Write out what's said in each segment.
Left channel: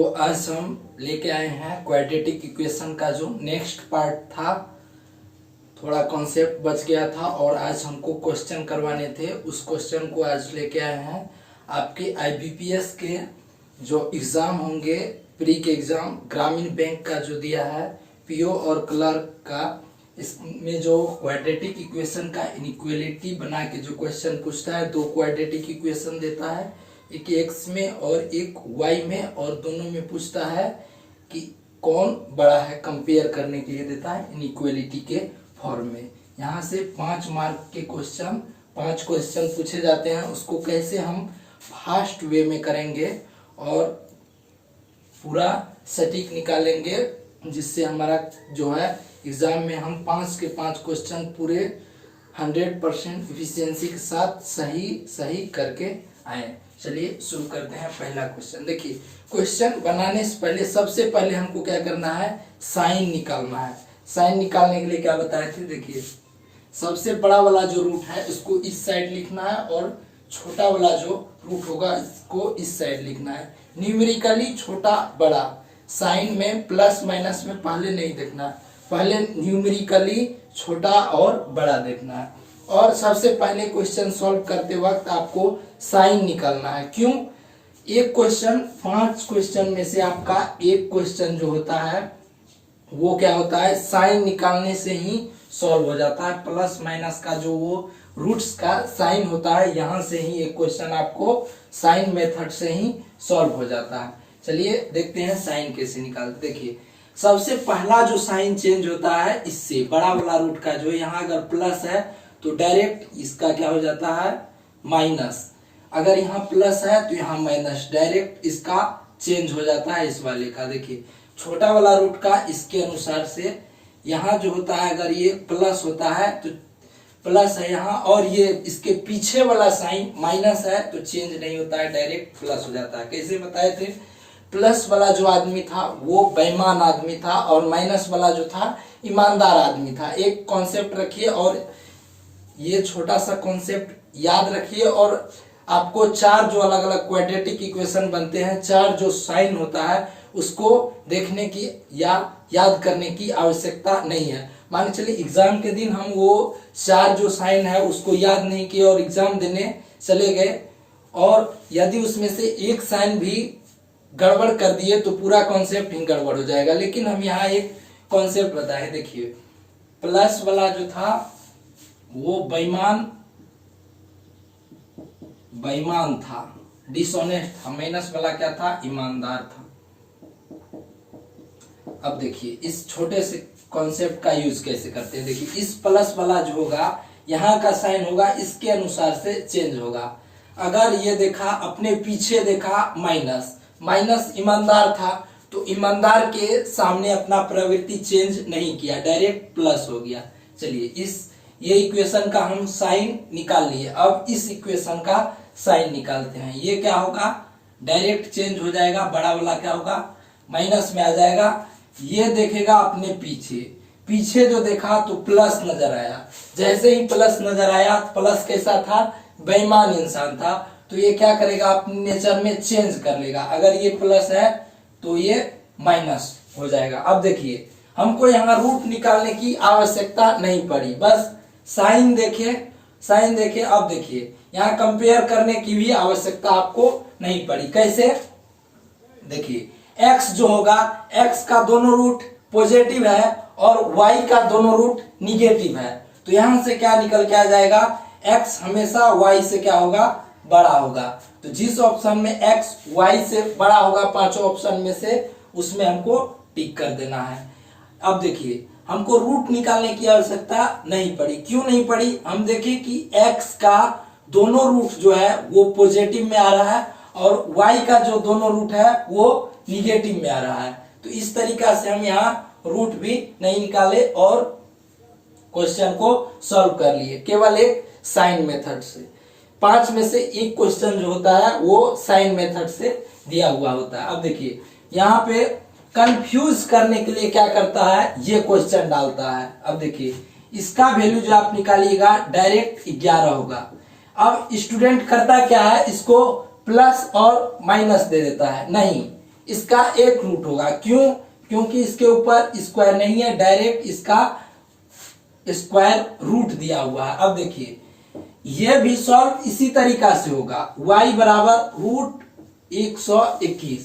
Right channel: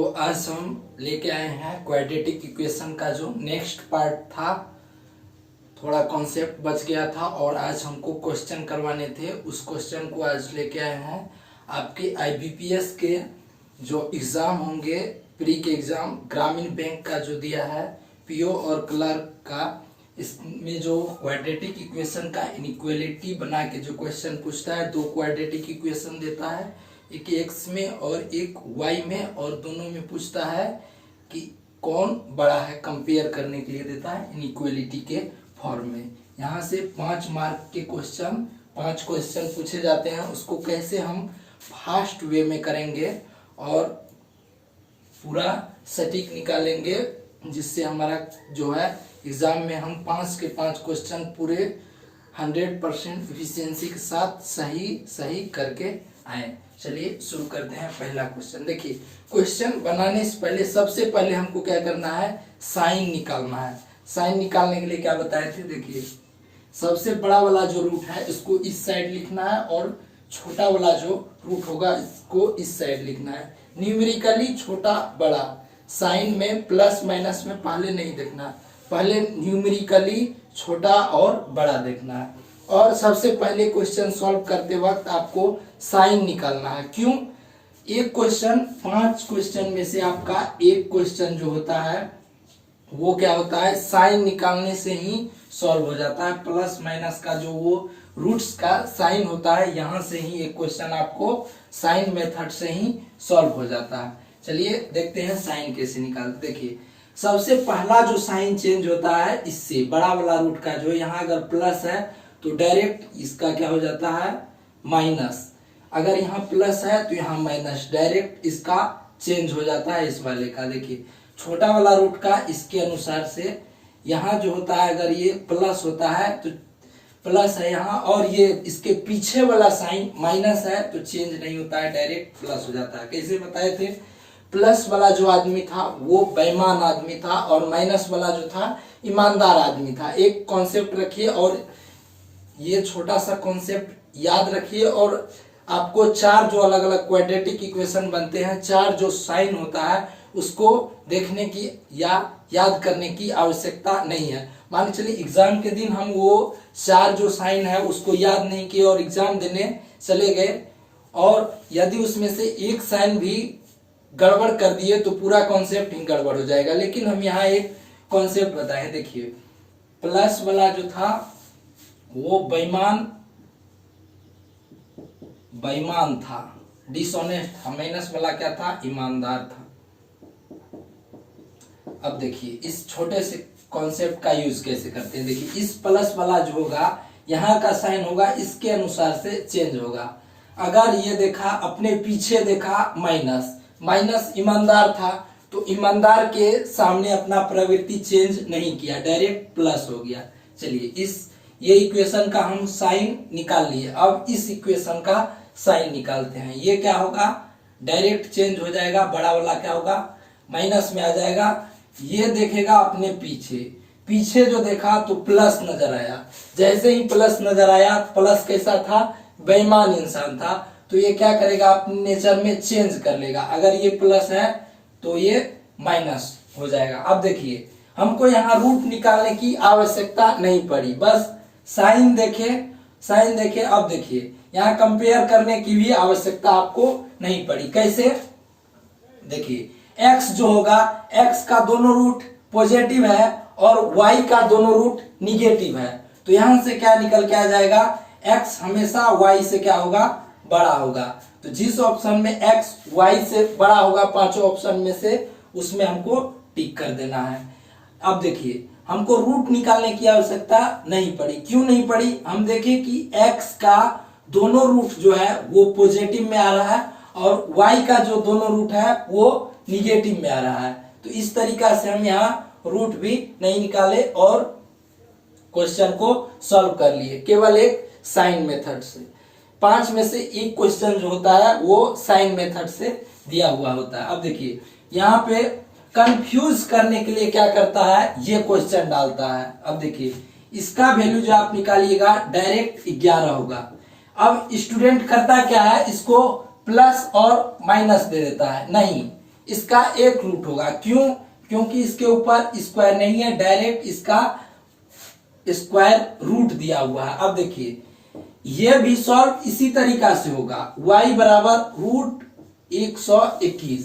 तो आज हम लेके आए हैं क्वाड्रेटिक इक्वेशन का जो नेक्स्ट पार्ट था। थोड़ा कॉन्सेप्ट बच गया था और आज हमको क्वेश्चन करवाने थे। उस क्वेश्चन को आज लेके आए हैं। आपके आईबीपीएस के जो एग्ज़ाम होंगे, प्री के एग्ज़ाम, ग्रामीण बैंक का जो दिया है, पीओ और क्लर्क का, इसमें जो क्वाड्रेटिक इक्वेशन का इनइक्वालिटी बना के जो क्वेश्चन पूछता है, दो क्वाड्रेटिक इक्वेशन देता है, एक एक्स में और एक वाई में, और दोनों में पूछता है कि कौन बड़ा है, कंपेयर करने के लिए देता है इनइक्वालिटी के फॉर्म में। यहाँ से 5 मार्क के क्वेश्चन, 5 क्वेश्चन पूछे जाते हैं। उसको कैसे हम फास्ट वे में करेंगे और पूरा सटीक निकालेंगे, जिससे हमारा जो है एग्जाम में हम 5 के 5 क्वेश्चन पूरे 100% इफिशियंसी के साथ सही करके आए। चलिए शुरू करते हैं। पहला क्वेश्चन देखिए, क्वेश्चन बनाने से पहले सबसे पहले हमको क्या करना है, साइन निकालना है। साइन निकालने के लिए क्या बताए थे, देखिए सबसे बड़ा वाला जो रूट है इसको इस साइड लिखना है और छोटा वाला जो रूट होगा इसको इस साइड लिखना है। न्यूमेरिकली छोटा बड़ा, साइन में प्लस माइनस में पहले नहीं देखना है, पहले न्यूमेरिकली छोटा और बड़ा देखना है। और सबसे पहले क्वेश्चन सॉल्व करते वक्त आपको साइन निकालना है। क्यों? एक क्वेश्चन 5 क्वेश्चन में से आपका एक क्वेश्चन जो होता है वो क्या होता है, साइन निकालने से ही सॉल्व हो जाता है। प्लस माइनस का जो वो रूट्स का साइन होता है, यहाँ से ही एक क्वेश्चन आपको साइन मेथड से ही सॉल्व हो जाता है। चलिए देखते हैं साइन कैसे निकालते। देखिए सबसे पहला जो साइन चेंज होता है इससे बड़ा वाला रूट का, जो यहाँ अगर प्लस है तो डायरेक्ट इसका क्या हो जाता है, माइनस। अगर यहाँ प्लस है तो यहाँ माइनस, डायरेक्ट इसका चेंज हो जाता है इस वाले का। देखिए छोटा वाला रूट का इसके अनुसार से यहाँ जो होता है, अगर ये प्लस होता है तो प्लस है यहाँ, और ये इसके पीछे वाला साइन माइनस है तो चेंज नहीं होता है, डायरेक्ट प्लस हो जाता है। कैसे बताए थे, प्लस वाला जो आदमी था वो बेईमान आदमी था और माइनस वाला जो था ईमानदार आदमी था। एक कॉन्सेप्ट रखिए और ये छोटा सा कॉन्सेप्ट याद रखिए, और आपको 4 जो अलग अलग क्वाड्रेटिक इक्वेशन बनते हैं, 4 जो साइन होता है उसको देखने की या याद करने की आवश्यकता नहीं है। मान के चलिए एग्जाम के दिन हम वो 4 जो साइन है उसको याद नहीं किए और एग्जाम देने चले गए, और यदि उसमें से एक साइन भी गड़बड़ कर दिए तो पूरा कॉन्सेप्ट ही गड़बड़ हो जाएगा। लेकिन हम यहाँ एक कॉन्सेप्ट बताए। देखिए प्लस वाला जो था वो बेईमान था, डिसऑनेस्ट था। माइनस वाला क्या था, ईमानदार था। अब देखिए इस छोटे से कॉन्सेप्ट का यूज कैसे करते हैं। देखिए इस प्लस वाला जो होगा, यहाँ का साइन होगा इसके अनुसार से चेंज होगा। अगर ये देखा अपने पीछे देखा माइनस, माइनस ईमानदार था तो ईमानदार के सामने अपना प्रवृत्ति चेंज नहीं किया, डायरेक्ट प्लस हो गया। चलिए ये इक्वेशन का हम साइन निकाल लिए। अब इस इक्वेशन का साइन निकालते हैं। ये क्या होगा, डायरेक्ट चेंज हो जाएगा, बड़ा वाला क्या होगा, माइनस में आ जाएगा। ये देखेगा अपने पीछे जो देखा तो प्लस नजर आया। जैसे ही प्लस नजर आया, प्लस कैसा था, बेईमान इंसान था, तो ये क्या करेगा, अपने नेचर में चेंज कर लेगा। अगर ये प्लस है तो ये माइनस हो जाएगा। अब देखिए हमको यहाँ रूट निकालने की आवश्यकता नहीं पड़ी, बस साइन देखे। अब देखिए यहाँ कंपेयर करने की भी आवश्यकता आपको नहीं पड़ी। कैसे, देखिए x जो होगा, x का दोनों रूट पॉजिटिव है और y का दोनों रूट निगेटिव है, तो यहां से क्या निकल के आ जाएगा, x हमेशा y से क्या होगा, बड़ा होगा। तो जिस ऑप्शन में x y से बड़ा होगा 5 ऑप्शन में से, उसमें हमको टिक कर देना है। अब देखिए हमको रूट निकालने की आवश्यकता नहीं पड़ी। क्यों नहीं पड़ी, हम देखें कि x का दोनों रूट जो है वो पॉजिटिव में आ रहा है और y का जो दोनों रूट है वो निगेटिव में आ रहा है। तो इस तरीका से हम यहाँ रूट भी नहीं निकाले और क्वेश्चन को सॉल्व कर लिए, केवल एक साइन मेथड से। 5 में से एक क्वेश्चन जो होता है वो साइन मेथड से दिया हुआ होता है। अब देखिए यहाँ पे कंफ्यूज करने के लिए क्या करता है, ये क्वेश्चन डालता है। अब देखिए इसका वैल्यू जो आप निकालिएगा डायरेक्ट 11 होगा। अब स्टूडेंट करता क्या है, इसको प्लस और माइनस दे देता है। नहीं, इसका एक रूट होगा। क्यों? क्योंकि इसके ऊपर स्क्वायर नहीं है, डायरेक्ट इसका स्क्वायर रूट दिया हुआ है। अब देखिए यह भी सॉल्व इसी तरीका से होगा, y बराबर रूट 121,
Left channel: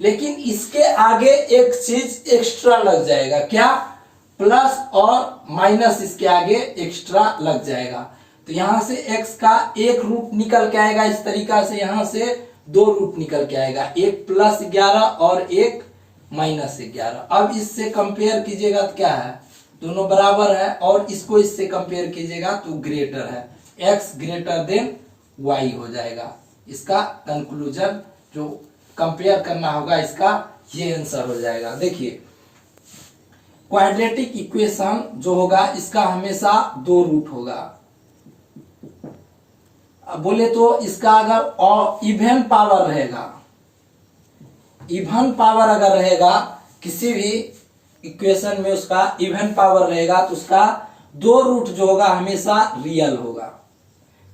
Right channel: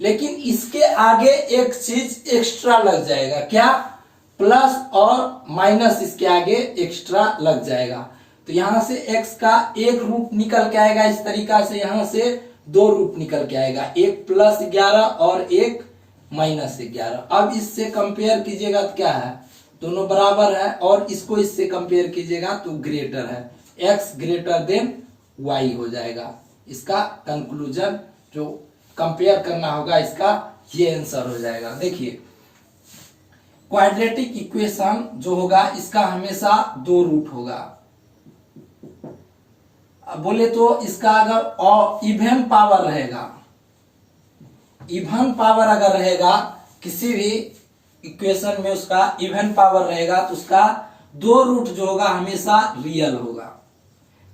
लेकिन इसके आगे एक चीज एक्स्ट्रा लग जाएगा। क्या? प्लस और माइनस इसके आगे एक्स्ट्रा लग जाएगा। तो यहां से x का एक रूट निकल के आएगा इस तरीका से, यहां से दो रूट निकल के आएगा, एक +11 और एक -11। अब इससे कंपेयर कीजिएगा तो क्या है, दोनों बराबर है, और इसको इससे कंपेयर कीजिएगा तो ग्रेटर है, x ग्रेटर देन y हो जाएगा। इसका कंक्लूजन जो कंपेयर करना होगा इसका ये आंसर हो जाएगा। देखिए क्वाड्रेटिक इक्वेशन जो होगा इसका हमेशा दो रूट होगा। अब बोले तो इसका अगर इवन पावर रहेगा, इवन पावर अगर रहेगा किसी भी इक्वेशन में, उसका इवन पावर रहेगा तो उसका दो रूट जो होगा हमेशा रियल होगा,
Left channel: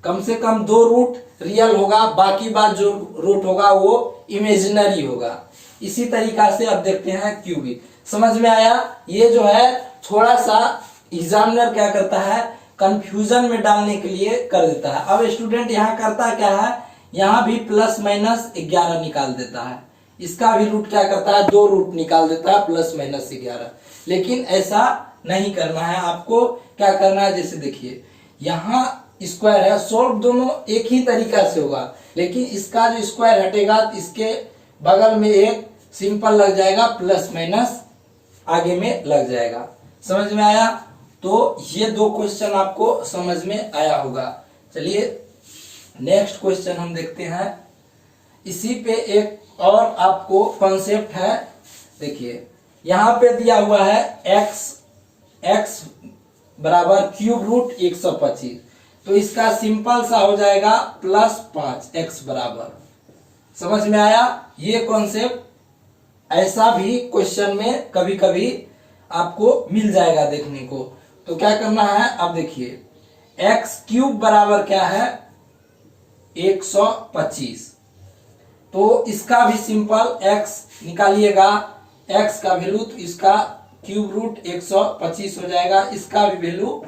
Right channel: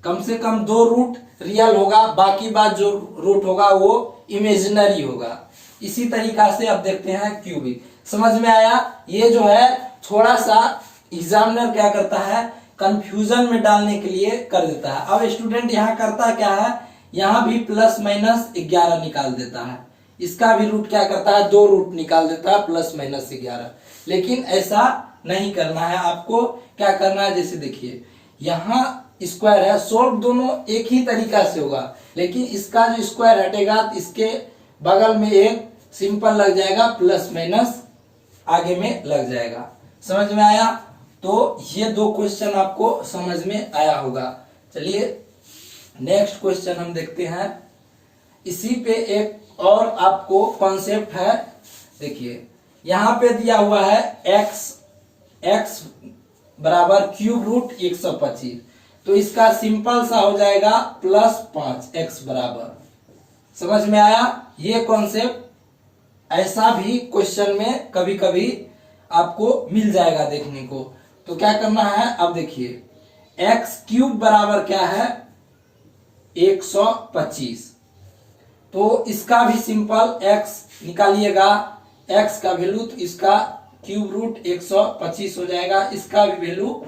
कम से कम दो रूट रियल होगा, बाकी बात जो रूट होगा वो इमेजिनरी होगा। इसी तरीका से अब देखते हैं क्यूबिक। समझ में आया? ये जो है थोड़ा सा एग्जामिनर क्या करता है, कंफ्यूजन में डालने के लिए कर देता है। अब स्टूडेंट यहाँ करता क्या है, यहाँ भी +-11 निकाल देता है, इसका भी रूट क्या करता है, दो रूट निकाल देता है +-11। लेकिन ऐसा नहीं करना है, आपको क्या करना है, जैसे देखिए यहाँ स्क्वायर है, सोल्व दोनों एक ही तरीका से होगा, लेकिन इसका जो स्क्वायर हटेगा तो इसके बगल में एक सिंपल लग जाएगा, प्लस आगे में लग जाएगा। समझ में आया? तो ये दो क्वेश्चन आपको समझ में आया होगा। चलिए नेक्स्ट क्वेश्चन हम देखते हैं। इसी पे एक और आपको कॉन्सेप्ट है। देखिए यहां पे दिया हुआ है x बराबर क्यूब रूट 125, तो इसका सिंपल सा हो जाएगा +5 x बराबर। समझ में आया? ये कॉन्सेप्ट ऐसा भी क्वेश्चन में कभी कभी आपको मिल जाएगा देखने को। तो क्या करना है, अब देखिए x क्यूब बराबर क्या है, 125, तो इसका भी सिंपल x निकालिएगा, x का वैल्यू, तो इसका क्यूब रूट 125 हो जाएगा, इसका भी वैल्यू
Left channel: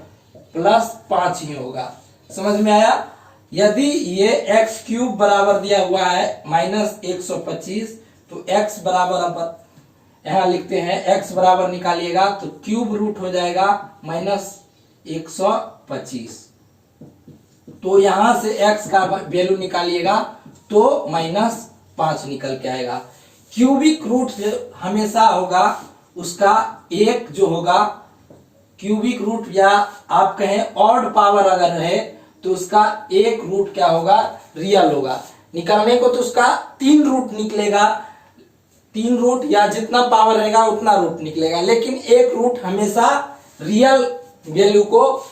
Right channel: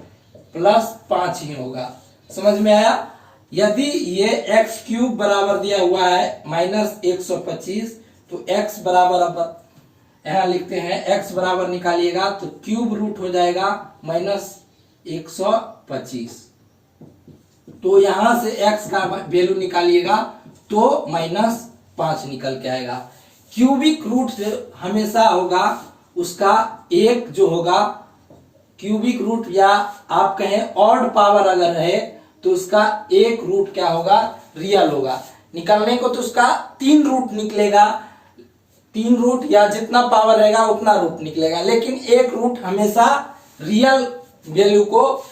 +5 ही होगा। समझ में आया? यदि ये x क्यूब बराबर दिया हुआ है -125, तो x बराबर, अब यहां लिखते हैं x बराबर निकालिएगा तो क्यूब रूट हो जाएगा -125, तो यहां से x का वैल्यू निकालिएगा तो -5 निकल के आएगा। क्यूबिक रूट हमेशा होगा उसका एक जो होगा क्यूबिक रूट, या आप कहें ऑड पावर अगर रहे तो उसका एक रूट क्या होगा, रियल होगा। निकलने को तो उसका 3 रूट निकलेगा, 3 रूट या जितना पावर रहेगा उतना रूट निकलेगा, लेकिन एक रूट हमेशा रियल वैल्यू को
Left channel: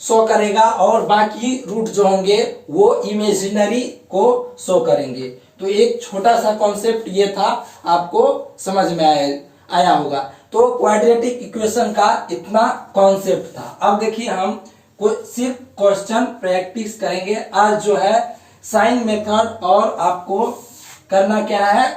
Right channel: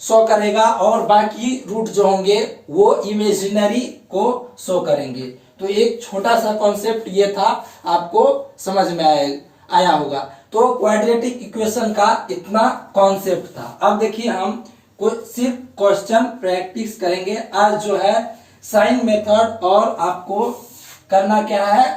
शो करेगा और बाकी रूट जो होंगे वो इमेजिनरी को शो करेंगे। तो एक छोटा सा कॉन्सेप्ट ये था, आपको समझ में आया होगा। तो क्वाड्रेटिक इक्वेशन का इतना कॉन्सेप्ट था। अब देखिए हम सिर्फ क्वेश्चन प्रैक्टिस करेंगे आज, जो है साइन मेथड, और आपको करना क्या है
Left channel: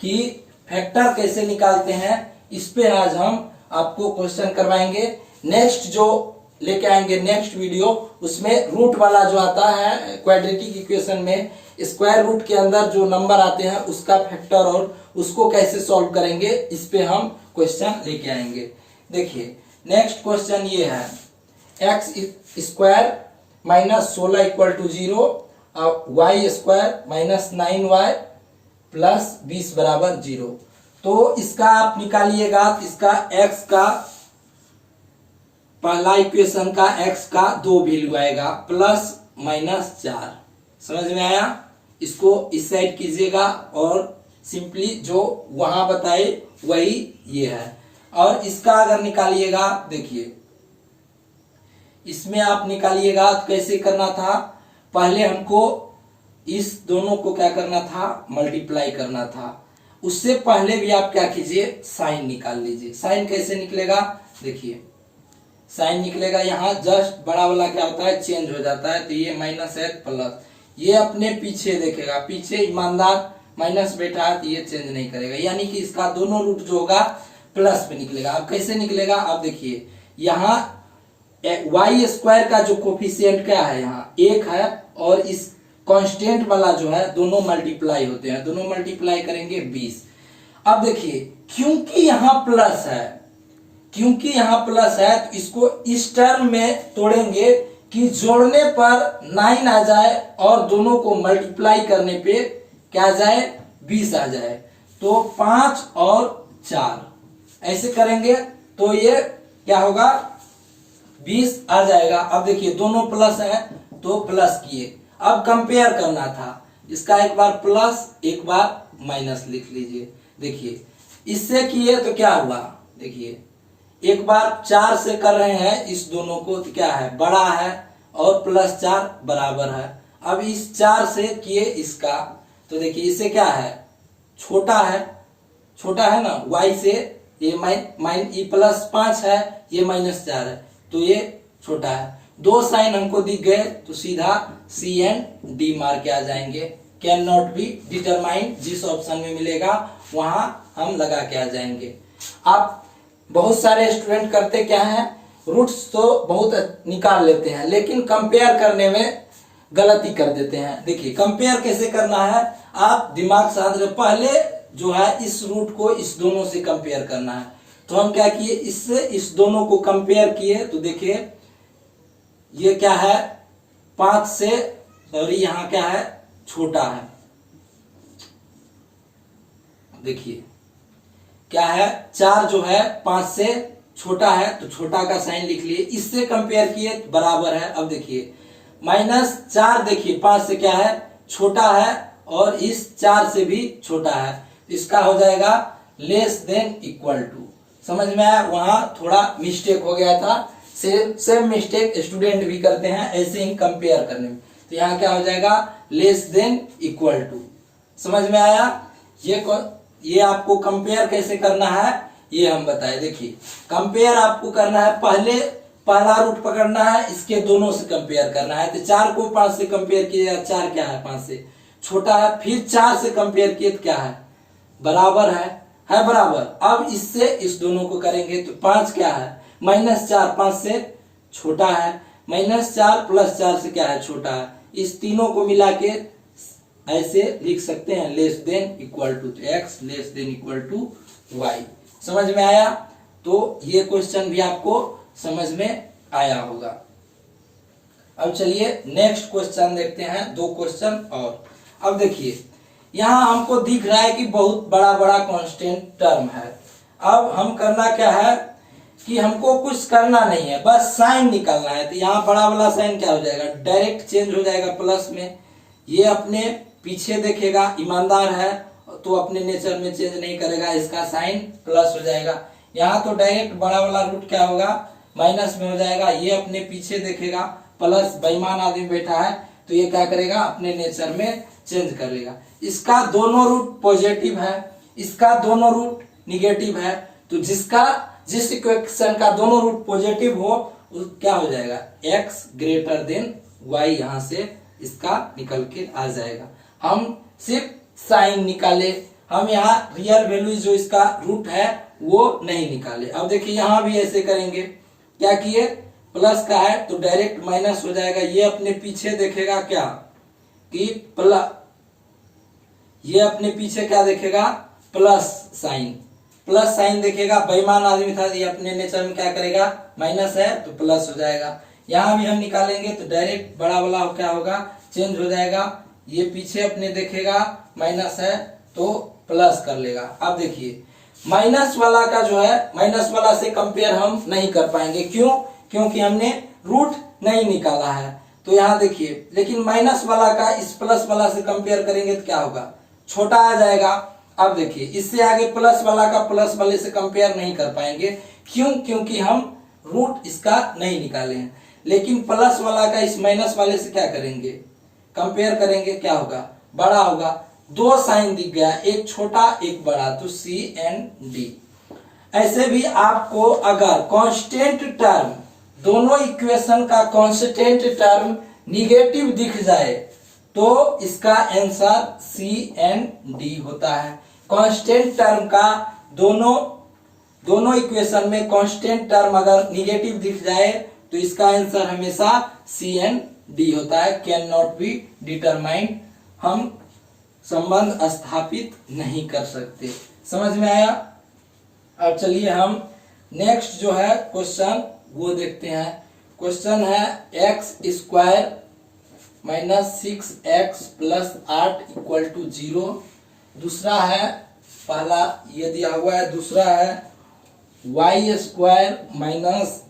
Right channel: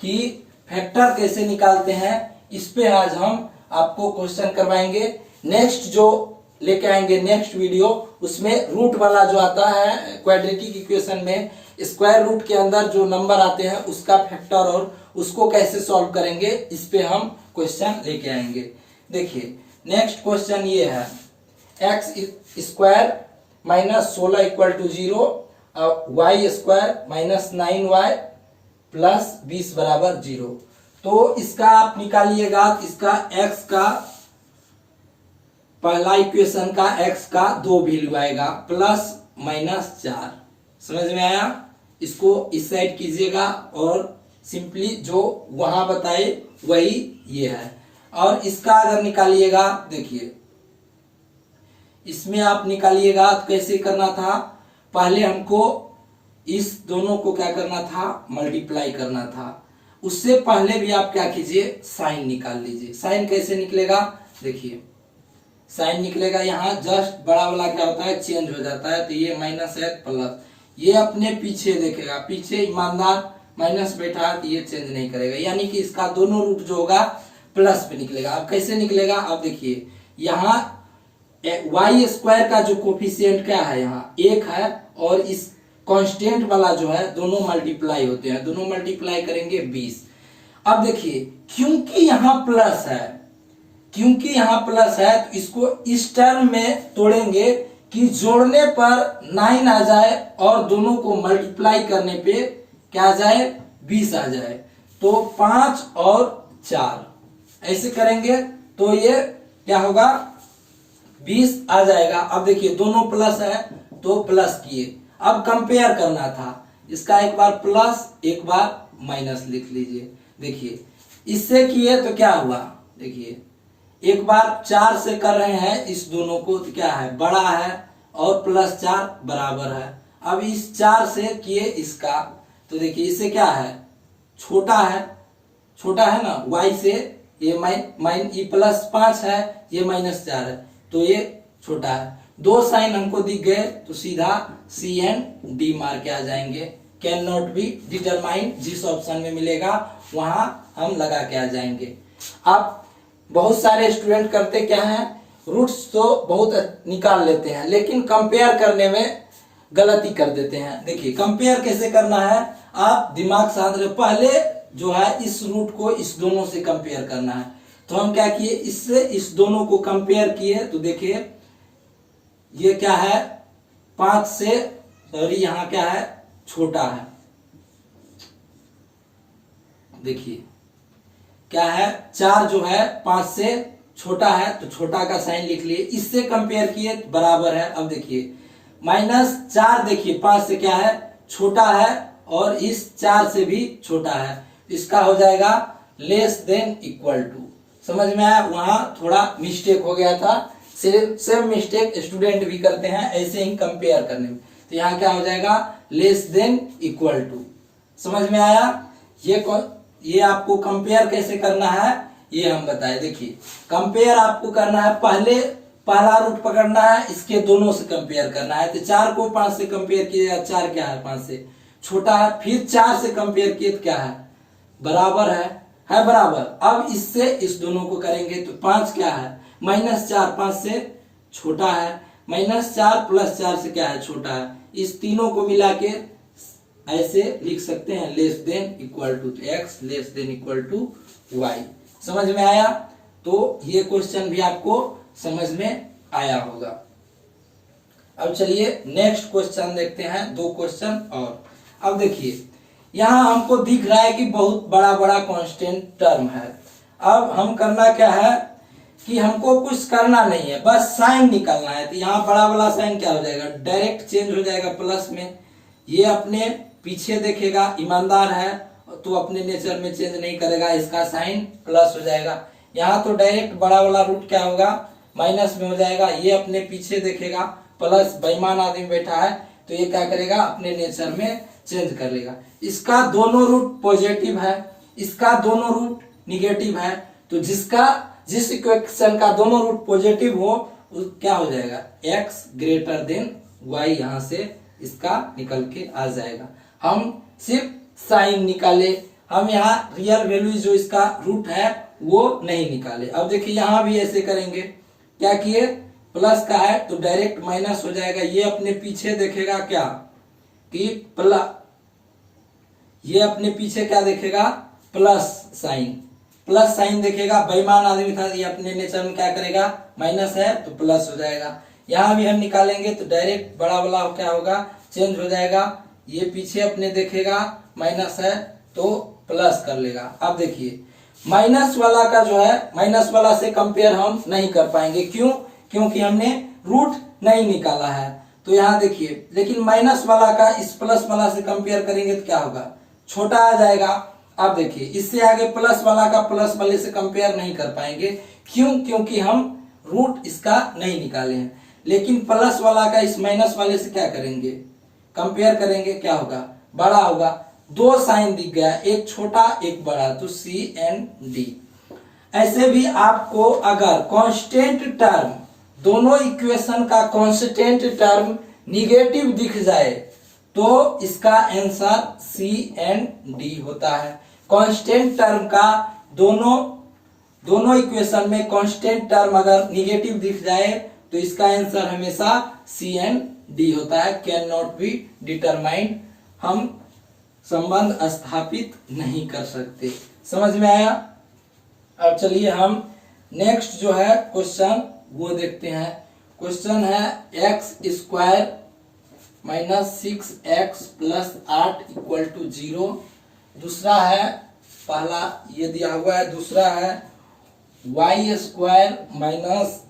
कि फैक्टर कैसे निकालते हैं, इस पे आज हम आपको क्वेश्चन करवाएंगे। नेक्स्ट जो लेके आएंगे नेक्स्ट वीडियो, उसमें रूट वाला जो आता है क्वाड्रेटिक इक्वेशन में, स्क्वायर रूट के अंदर जो नंबर आते हैं उसका फैक्टर और उसको कैसे सॉल्व करेंगे, इस पे हम क्वेश्चन लेके आएंगे। देखिए नेक्स्ट क्वेश्चन ये है, x square -16 = 0, y square -9y + 20 = 0। तो इसका आप निकालिएगा, इसका x का पहला इक्वेशन का x का 2 वैल्यू आएगा, +-4। समझ में आया? इसको इस साइड कीजिएगा और सिंपली जो वहां बताए वही ये है। और इसका अगर निकालिएगा, देखिए इसमें आप निकालिएगा तो कैसे करना था, पहले हमको इस दोनों को क्या करना था, मल्टीप्लाई करना था। उससे पहले भी आप क्या कीजिए, साइन निकाल लीजिए। साइन कैसे निकलेगा, देखिए साइन निकलेगा, यहाँ जस्ट बड़ा वाला क्या होता है, चेंज हो जाता है, तो ये माइनस है प्लस, ये अपने पीछे देखेगा, पीछे ईमानदार माइनस बैठा है तो ये चेंज नहीं करेगा, यानी कि इसका दोनों रूट जो होगा प्लस पे निकलेगा। अब कैसे निकलेगा, अब देखिए यहाँ वाई स्क्वायर का जो कोफिशिएंट क्या है, यहाँ 1 है, और इस कांस्टेंट वाला जो है दोनों मल्टीप्लाई होते हैं, दोनों मल्टीप्लाई करेंगे 20। अब देखिए क्योंकि यहाँ प्लस है, क्योंकि यहाँ प्लस है तो इसको इस टर्म में तोड़ेंगे कि जोड़ने पर 9 आ जाए और दोनों को मल्टीप्लाई करने पे क्या आ जाए, 20 आ जाए। तो 5 और 4 ऐसे करेंगे तो ये क्या होगा, 20 आ जाएगा। अब देखिए दोनों प्लस है तो प्लस किए, अब कंपेयर करना था, इसका एक बार प्लस एक बार माइनस लिख लीजिए। देखिए इससे किए तो क्या हुआ, देखिए एक बार 4 से कर रहे हैं इस दोनों को तो क्या है, बड़ा है, और +4 बराबर है। अब इस 4 से किए इसका तो देखिए इससे क्या है, छोटा है, छोटा है ना, y से ये ये +5 है, ये -4 है, तो ये छोटा है। 2 साइन हमको दिख गए तो सीधा C एंड D मार के आ जाएंगे। कैन नॉट बी डिटरमाइंड, जिस ऑप्शन में मिलेगा वहां हम लगा के आ जाएंगे। आप बहुत सारे स्टूडेंट करते क्या है, रूट्स तो बहुत निकाल लेते हैं लेकिन कंपेयर करने में गलती कर देते हैं। देखिए कंपेयर कैसे करना है, आप दिमाग साथ रहे, पहले जो है इस रूट को इस दोनों से कंपेयर करना है। तो हम क्या किए, इससे इस दोनों को कंपेयर किए तो देखिए ये क्या है, 5 से, सॉरी यहाँ क्या है, छोटा है। देखिए क्या है, 4 जो है 5 से छोटा है तो छोटा का साइन लिख लिए, इससे कंपेयर किए बराबर है। अब देखिए -4 देखिए 5 से क्या है, छोटा है, और इस 4 से भी छोटा है, इसका हो जाएगा <= समझ में आया, वहां थोड़ा मिस्टेक हो गया था, सेम मिस्टेक स्टूडेंट भी करते हैं ऐसे ही कंपेयर करने में। तो यहाँ क्या हो जाएगा, <= समझ में आया। ये आपको कंपेयर कैसे करना है ये हम बताए। देखिए कंपेयर आपको करना है, पहला रूट पकड़ना है, इसके दोनों से कंपेयर करना है। तो 4 को 5 से कंपेयर किया, 4 क्या है, 5 से छोटा है, फिर 4 से कंपेयर किए तो क्या है, बराबर है बराबर। अब इससे इस दोनों को करेंगे तो 5 क्या है, -4 5 से छोटा है, -4 + 4 से क्या है, छोटा है। इस तीनों को मिला के ऐसे लिख सकते हैं, <= y। समझ में आया, तो ये क्वेश्चन भी आपको समझ में आया होगा। अब चलिए नेक्स्ट क्वेश्चन देखते हैं, 2 क्वेश्चन और। अब देखिए यहाँ हमको दिख रहा है कि बहुत बड़ा बड़ा कांस्टेंट टर्म है। अब हम करना क्या है कि हमको कुछ करना नहीं है, बस साइन निकालना है। तो यहाँ बड़ा वाला साइन क्या हो जाएगा, डायरेक्ट चेंज हो जाएगा प्लस में। ये अपने पीछे देखेगा, ईमानदार है तो अपने नेचर में चेंज नहीं करेगा, इसका साइन प्लस हो जाएगा। यहाँ तो डायरेक्ट बड़ा वाला रूट क्या होगा, माइनस में हो जाएगा। ये अपने पीछे देखेगा प्लस, बेईमान आदमी बैठा है तो ये क्या करेगा, अपने नेचर में चेंज कर लेगा। इसका दोनों रूट पॉजिटिव है, इसका दोनों रूट निगेटिव है, तो जिस इक्वेशन का दोनों रूट पॉजिटिव हो क्या हो जाएगा, x y, यहाँ से इसका निकल के आ जाएगा। हम सिर्फ साइन निकाले, हम यहाँ रियल वैल्यू जो इसका रूट है वो नहीं निकाले। अब देखिए यहाँ भी ऐसे करेंगे, क्या किए, प्लस का है तो डायरेक्ट माइनस हो जाएगा। ये अपने पीछे देखेगा क्या कि ये अपने पीछे क्या देखेगा, प्लस साइन देखेगा। बेईमान आदमी था, ये अपने नेचर में क्या करेगा, माइनस है तो प्लस हो जाएगा। यहाँ भी हम निकालेंगे तो डायरेक्ट बड़ा वाला क्या होगा, चेंज हो जाएगा। ये पीछे अपने देखेगा माइनस है तो प्लस कर लेगा। अब देखिए माइनस वाला का जो है, माइनस वाला से कंपेयर हम नहीं कर पाएंगे, क्यों, क्योंकि हमने रूट नहीं निकाला है। तो यहाँ देखिए, लेकिन माइनस वाला का इस प्लस वाला से कंपेयर करेंगे तो क्या होगा, छोटा आ जाएगा। अब देखिए इससे आगे प्लस वाला का प्लस वाले से कंपेयर नहीं कर पाएंगे, क्यों, क्योंकि हम रूट इसका नहीं निकाले हैं। लेकिन प्लस वाला का इस माइनस वाले से क्या करेंगे, कंपेयर करेंगे, क्या होगा, बड़ा होगा। 2 साइन दिख गया, एक छोटा एक बड़ा, तो C एंड D। ऐसे भी आपको अगर कांस्टेंट टर्म, दोनों इक्वेशन का कांस्टेंट टर्म निगेटिव दिख जाए तो इसका आंसर सी एंड डी होता है। कांस्टेंट टर्म का दोनों इक्वेशन में कांस्टेंट टर्म अगर निगेटिव दिख जाए तो इसका आंसर हमेशा सी एंड डी होता है। कैन नॉट बी डिटरमाइंड, हम संबंध स्थापित नहीं कर सकते। समझ में आया? अब चलिए हम नेक्स्ट जो है क्वेश्चन वो देखते हैं। क्वेश्चन है X square minus 6x plus 8 equal to 0। दूसरा है, पहला ये दिया हुआ है, दूसरा है Y square minus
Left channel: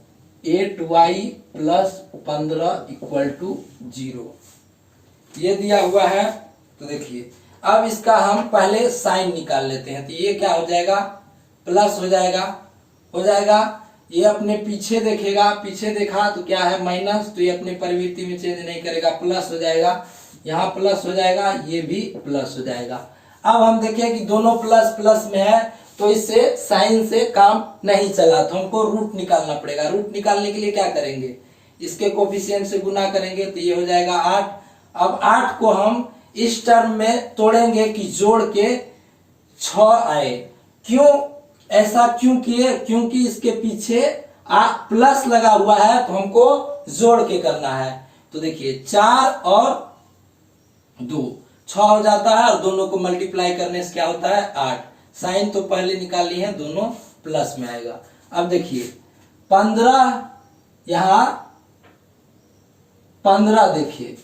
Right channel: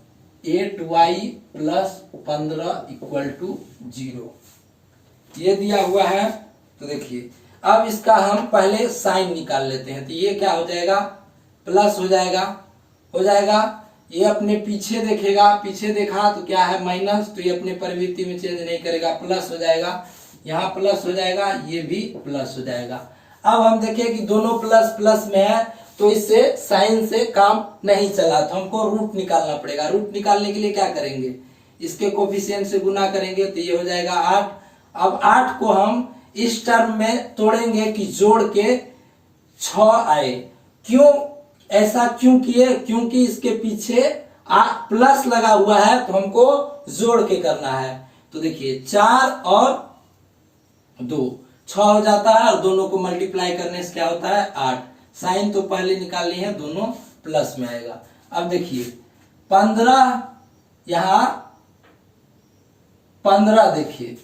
8y plus 15 equal to 0, ये दिया हुआ है। तो देखिए अब इसका हम पहले साइन निकाल लेते हैं। तो ये क्या हो जाएगा, प्लस हो जाएगा। ये अपने पीछे देखेगा, पीछे देखा तो क्या है माइनस, तो ये अपने प्रवृत्ति में चेंज नहीं करेगा, प्लस हो जाएगा। यहाँ प्लस हो जाएगा, ये भी प्लस हो जाएगा। अब हम देखें कि दोनों प्लस प्लस में है तो इससे साइन से काम नहीं चला, तो हमको रूट निकालना पड़ेगा। रूट निकालने के लिए क्या करेंगे, इसके कोफिशिएंट से गुना करेंगे तो ये हो जाएगा 8। अब 8 को हम इस टर्म में तोड़ेंगे कि जोड़ के 6 आए। क्यों ऐसा क्यों किए, क्योंकि इसके पीछे प्लस लगा हुआ है तो हमको जोड़ के करना है। तो देखिए 4 और 2 6 हो जाता है और दोनों को मल्टीप्लाई करने से क्या होता है 8। साइन तो पहले निकाल ली है, दोनों प्लस में आएगा। अब देखिए 15, यहां 15 देखिए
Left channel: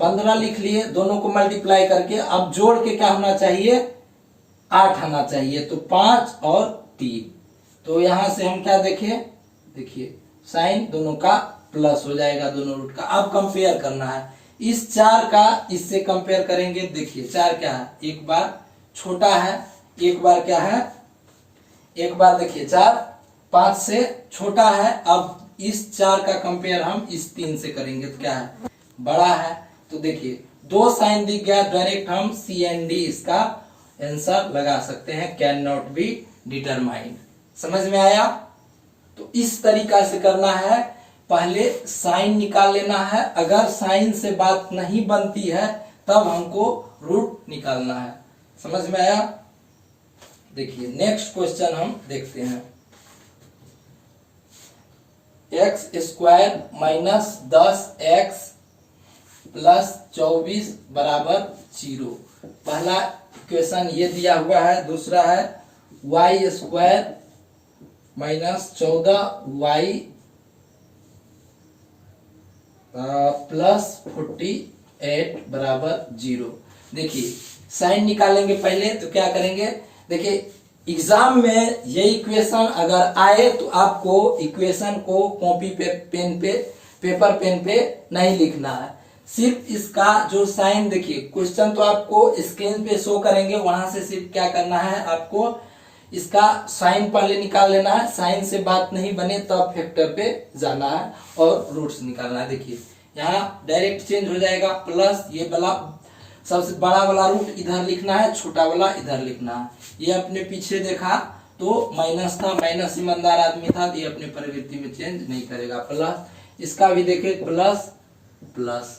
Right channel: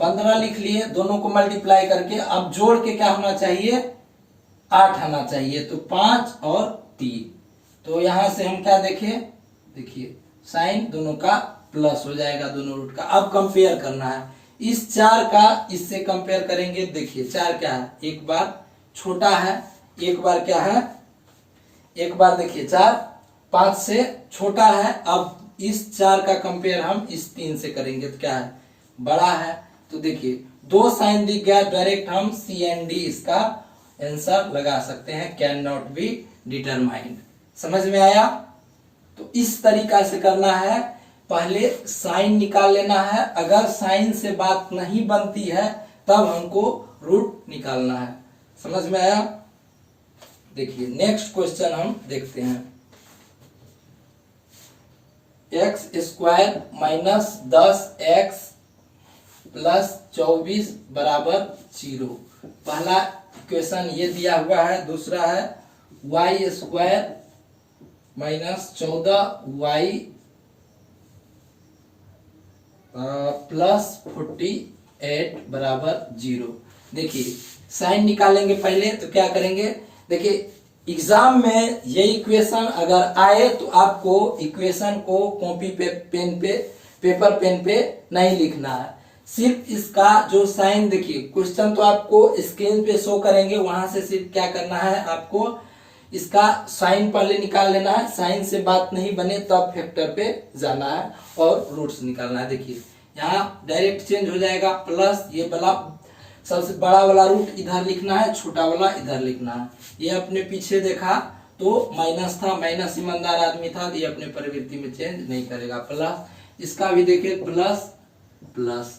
15 लिख लिए, दोनों को मल्टीप्लाई करके अब जोड़ के क्या होना चाहिए 8 आना चाहिए। तो 5 और 3, तो यहां से हम क्या देखें, देखिए साइन दोनों का प्लस हो जाएगा, दोनों रूट का। अब कंपेयर करना है, इस 4 का इससे कंपेयर करेंगे। देखिए 4 क्या है, एक बार छोटा है, एक बार क्या है, एक बार देखिए 4 5 से छोटा है। अब इस 4 का कंपेयर हम इस 3 से करेंगे तो क्या है, बड़ा है। तो देखिए 2 साइन दिख गया, डायरेक्ट हम सी एंड डी इसका आंसर लगा सकते हैं। Can not be determined. समझ में आया? तो इस तरीका से करना है, पहले साइन निकाल लेना है। अगर साइन से बात नहीं बनती है तब हमको रूट निकालना है। समझ में आया? देखिए नेक्स्ट क्वेश्चन हम देखते हैं। X square minus 10x plus 24 बराबर 0। पहला इक्वेशन ये दिया हुआ है। दूसरा है Y square minus 14y plus 48 बराबर 0। देखिए साइन निकालेंगे पहले, तो क्या करेंगे, देखिए एग्जाम में ये इक्वेशन अगर आए तो आपको इक्वेशन को कॉपी पे पेपर पेन पे नहीं लिखना है। सिर्फ इसका जो साइन, देखिए क्वेश्चन तो आपको स्क्रीन पे शो करेंगे, वहां से सिर्फ क्या करना है, आपको इसका साइन पहले निकाल लेना है। साइन से बात नहीं बने तब फैक्टर पे जाना है और रूट्स निकालना है। देखिए यहाँ डायरेक्ट चेंज हो जाएगा, प्लस ये वाला सबसे बड़ा वाला रूट इधर लिखना है, छोटा वाला इधर लिखना है। ये अपने पीछे देखा तो माइनस था, माइनस ईमानदार आदमी था, ये अपने प्रवृत्ति में चेंज नहीं करेगा। प्लस इसका भी देखे प्लस प्लस,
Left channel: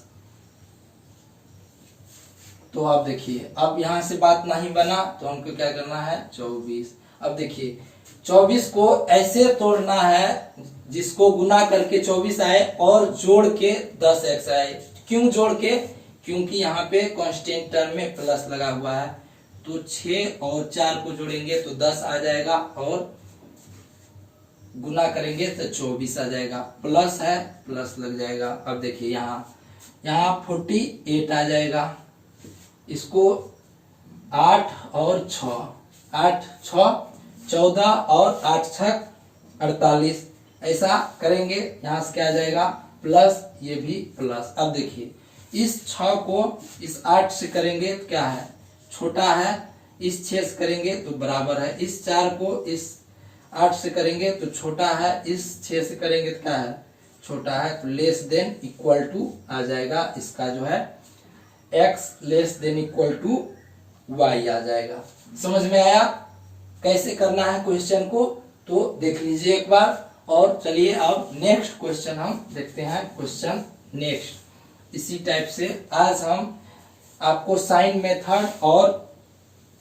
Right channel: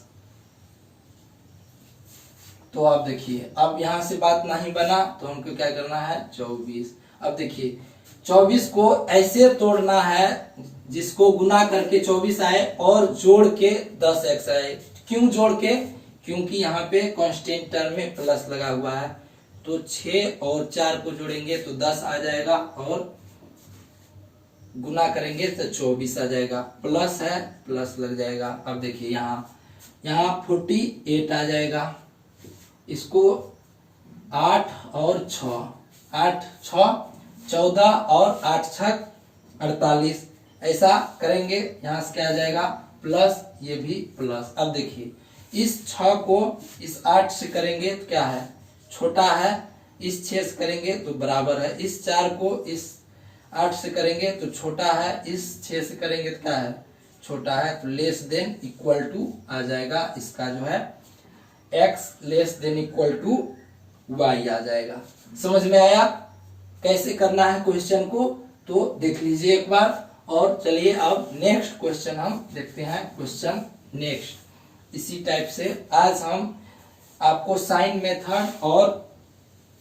तो आप देखिए अब यहां से बात नहीं बना तो हमको क्या करना है 24। अब देखिए 24 को ऐसे तोड़ना है जिसको गुना करके 24 आए और जोड़ के 10x आए। क्यों जोड़ के, क्योंकि यहाँ पे कांस्टेंट टर्म में प्लस लगा हुआ है। तो 6 और 4 को जोड़ेंगे तो 10 आ जाएगा और गुना करेंगे तो 24 आ जाएगा। प्लस है, प्लस लग जाएगा। अब देखिए यहाँ 48 आ जाएगा। इसको 8 और 6, 8 6 14 और 8 6 48, ऐसा करेंगे। यहाँ से क्या आ जाएगा प्लस, ये भी प्लस। अब देखिए इस 6 को इस 8 से करेंगे तो क्या है छोटा है, इस 6 से करेंगे तो बराबर है। इस 4 को इस 8 से करेंगे तो छोटा है, इस 6 से करेंगे तो क्या है छोटा है। तो लेस देन इक्वल टू आ जाएगा, इसका जो है x less than equal to y आ जाएगा। समझ में आया कैसे करना है क्वेश्चन को? तो देख लीजिए एक बार। और चलिए अब नेक्स्ट क्वेश्चन हम देखते हैं। क्वेश्चन नेक्स्ट इसी टाइप से आज हम आपको साइन मेथड और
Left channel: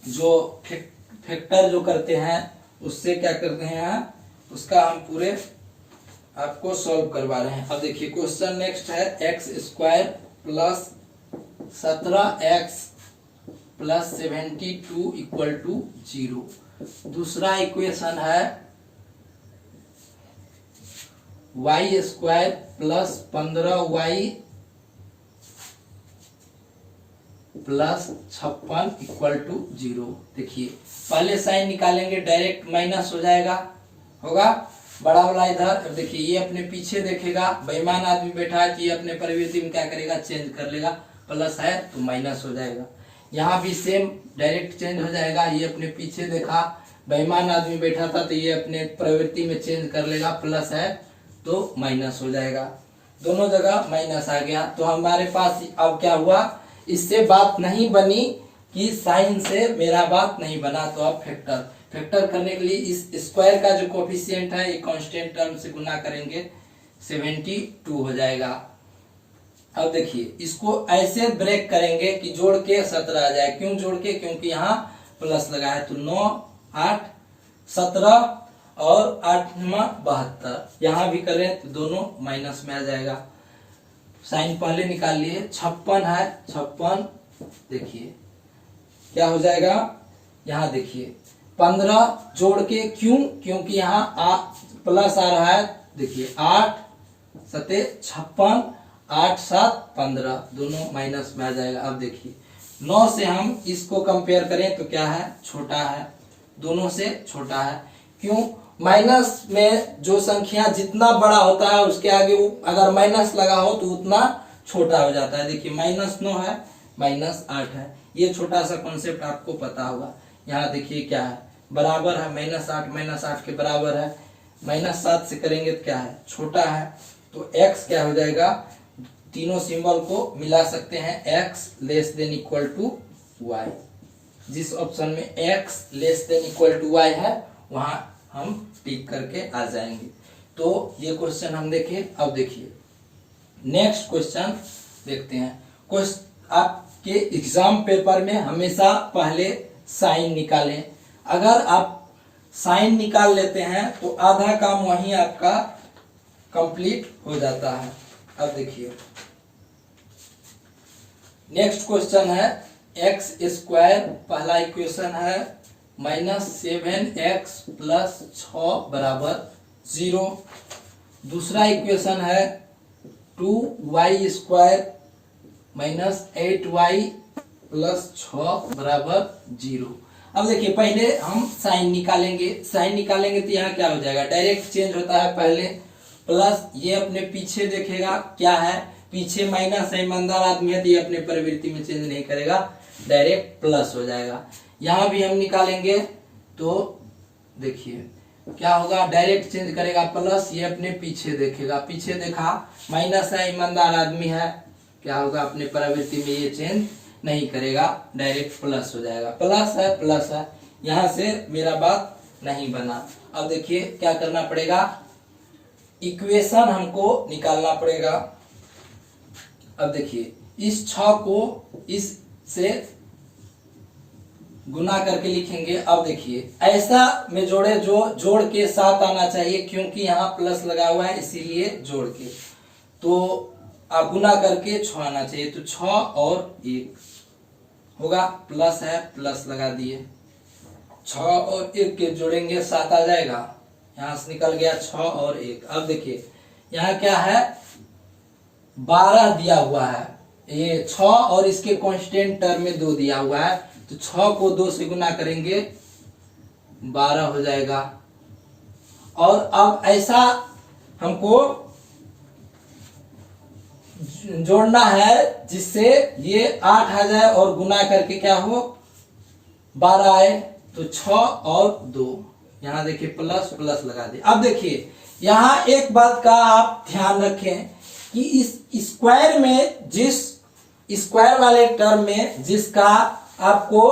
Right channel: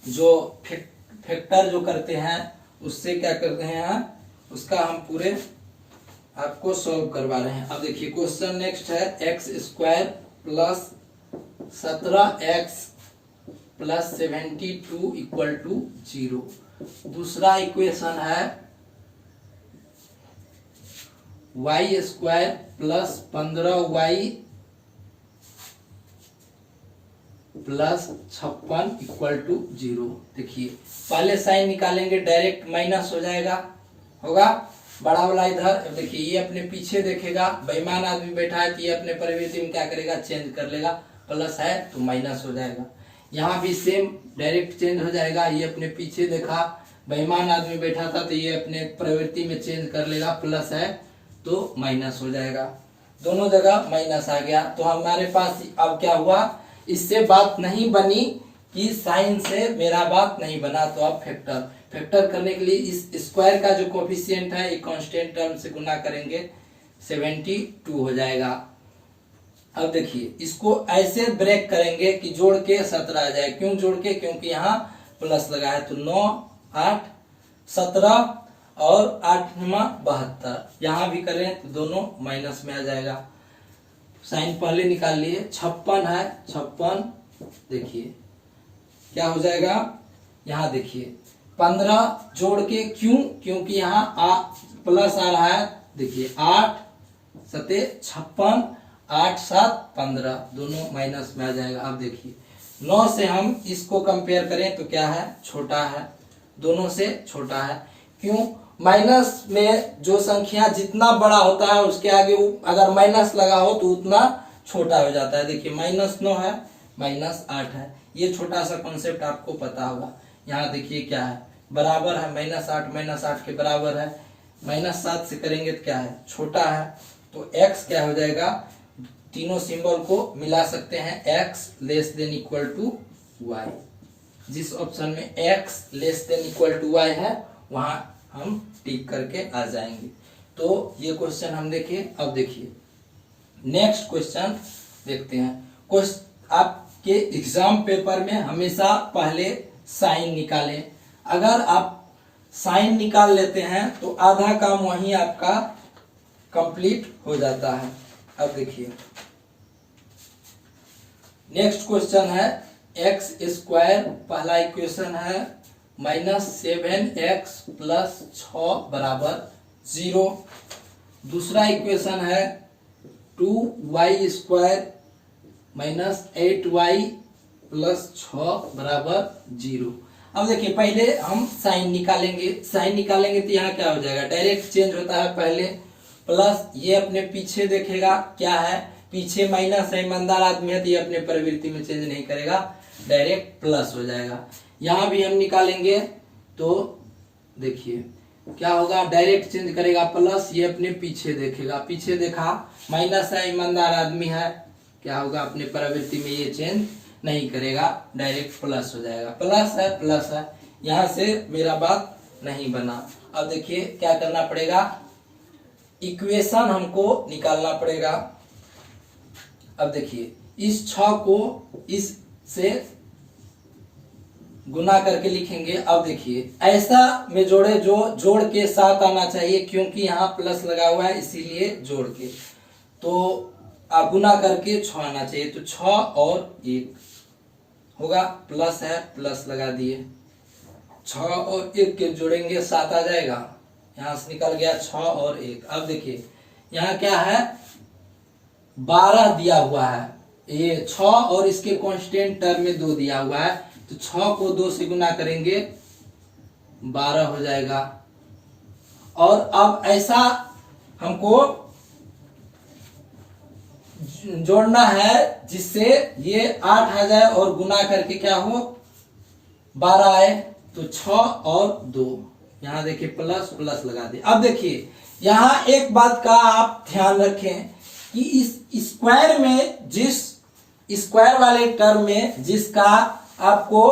जो फैक्टर जो करते हैं उससे क्या करते हैं, उसका हम पूरे आपको सॉल्व करवा रहे हैं। अब देखिए क्वेश्चन नेक्स्ट है X square plus 17x plus 72 equal to 0। दूसरा इक्वेशन है Y square plus 15y plus 56 equal to 0। देखिए पहले साइन निकालेंगे, डायरेक्ट माइनस हो जाएगा, होगा बड़ा वाला इधर। अब देखिए ये अपने पीछे देखेगा, बेईमान आदमी बैठा है तो ये अपने प्रवृत्ति में क्या करेगा, चेंज कर लेगा, प्लस है तो माइनस हो जाएगा। यहाँ भी सेम डायरेक्ट चेंज हो जाएगा, ये अपने पीछे देखा, बेईमान आदमी बैठा था तो ये अपने प्रवृत्ति में चेंज कर लेगा, प्लस है तो माइनस हो जाएगा, दोनों जगह माइनस आ गया। तो हमारे पास अब क्या हुआ, इससे बात नहीं बनी कि साइन से मेरा बात नहीं बना, तो अब फैक्टर करने के लिए इस स्क्वायर का जो कोफिशिएंट है ये कांस्टेंट टर्म से गुना करेंगे, 72 हो जाएगा। अब देखिए इसको ऐसे ब्रेक करेंगे कि जोड़ के 17 आ जाए। क्यों जोड़ के, क्योंकि यहाँ प्लस लगा है, तो 9 8 17 और 8 72, यहाँ भी करें तो दोनों माइनस में आ जाएगा। साइन पहले निकाल लिए, 56 है, 56 देखिए क्या हो जाएगा, यहाँ देखिए 15 जोड़ के, क्यों, क्योंकि यहाँ प्लस आ रहा है, देखिए 8 7 56 8 7 15, दोनों माइनस में आ जाएगा। अब देखिए 9 से हम इसको कंपेयर करें तो क्या है, छोटा है, दोनों से छोटा है। क्यों, माइनस में जो संख्या जितना बड़ा होता है उसके आगे अगर माइनस लगा हो तो उतना छोटा हो जाता है। देखिए -9 है, -8 है, ये छोटा सा कॉन्सेप्ट आपको पता होगा। यहाँ देखिए क्या है, बराबर है, -8 के बराबर है, -7 से करेंगे तो क्या है, छोटा है, तो x क्या हो जाएगा, तीनों सिंबल को मिला सकते हैं, x less than equal to y। जिस ऑप्शन में x less than equal to y है वहां हम टिक करके आ जाएंगे। तो ये क्वेश्चन हम देखे। अब देखिए नेक्स्ट क्वेश्चन देखते हैं। आपके एग्जाम पेपर में हमेशा पहले साइन निकालें, अगर आप साइन निकाल लेते हैं तो आधा काम वहीं आपका कंप्लीट हो जाता है। अब देखिए नेक्स्ट क्वेश्चन है एक्स स्क्वायर, पहला इक्वेशन है -7x प्लस 6 बराबर 0। दूसरा इक्वेशन है 2y स्क्वायर -8y प्लस 6 बराबर 0। अब देखिए पहले हम साइन निकालेंगे, साइन निकालेंगे तो यहाँ क्या हो जाएगा, डायरेक्ट चेंज होता है, पहले प्लस, ये अपने पीछे देखेगा क्या है, पीछे माइनस है, ईमानदार आदमी है तो ये अपने प्रवृत्ति में चेंज नहीं करेगा, डायरेक्ट प्लस हो जाएगा। यहाँ भी हम निकालेंगे तो देखिए क्या होगा, डायरेक्ट चेंज करेगा, प्लस, ये अपने पीछे देखेगा, पीछे देखा माइनस है, ईमानदार आदमी है, क्या होगा, अपने प्रवृत्ति में ये चेंज नहीं करेगा, डायरेक्ट प्लस हो जाएगा, प्लस है, यहाँ से मेरा बात नहीं बना। अब देखिए क्या करना पड़ेगा, इक्वेशन हमको निकालना पड़ेगा। अब देखिए इस 6 को इस से गुना करके लिखेंगे। अब देखिए ऐसा में जोड़े जो जोड़ के साथ आना चाहिए, क्योंकि यहाँ प्लस लगा हुआ है इसीलिए जोड़ के, तो आप गुना करके 6 आना चाहिए, तो 6 और 1 होगा, प्लस है, प्लस लगा दिए, 6 और 1 के जोड़ेंगे 7 आ जाएगा, यहाँ से निकल गया 6 और 1। अब देखिए यहाँ क्या है, 12 दिया हुआ है, ये 6 और इसके कांस्टेंट टर्म में 2 दिया हुआ है, तो 6 को 2 से गुना करेंगे 12 हो जाएगा। और अब ऐसा हमको जोड़ना है जिससे ये 8 आ जाए और गुना करके क्या हो 12 आए, तो 6 और 2, यहाँ देखिए प्लस लगा दे। अब देखिए यहाँ एक बात का आप ध्यान रखें कि इस स्क्वायर में, जिस स्क्वायर वाले टर्म में जिसका आपको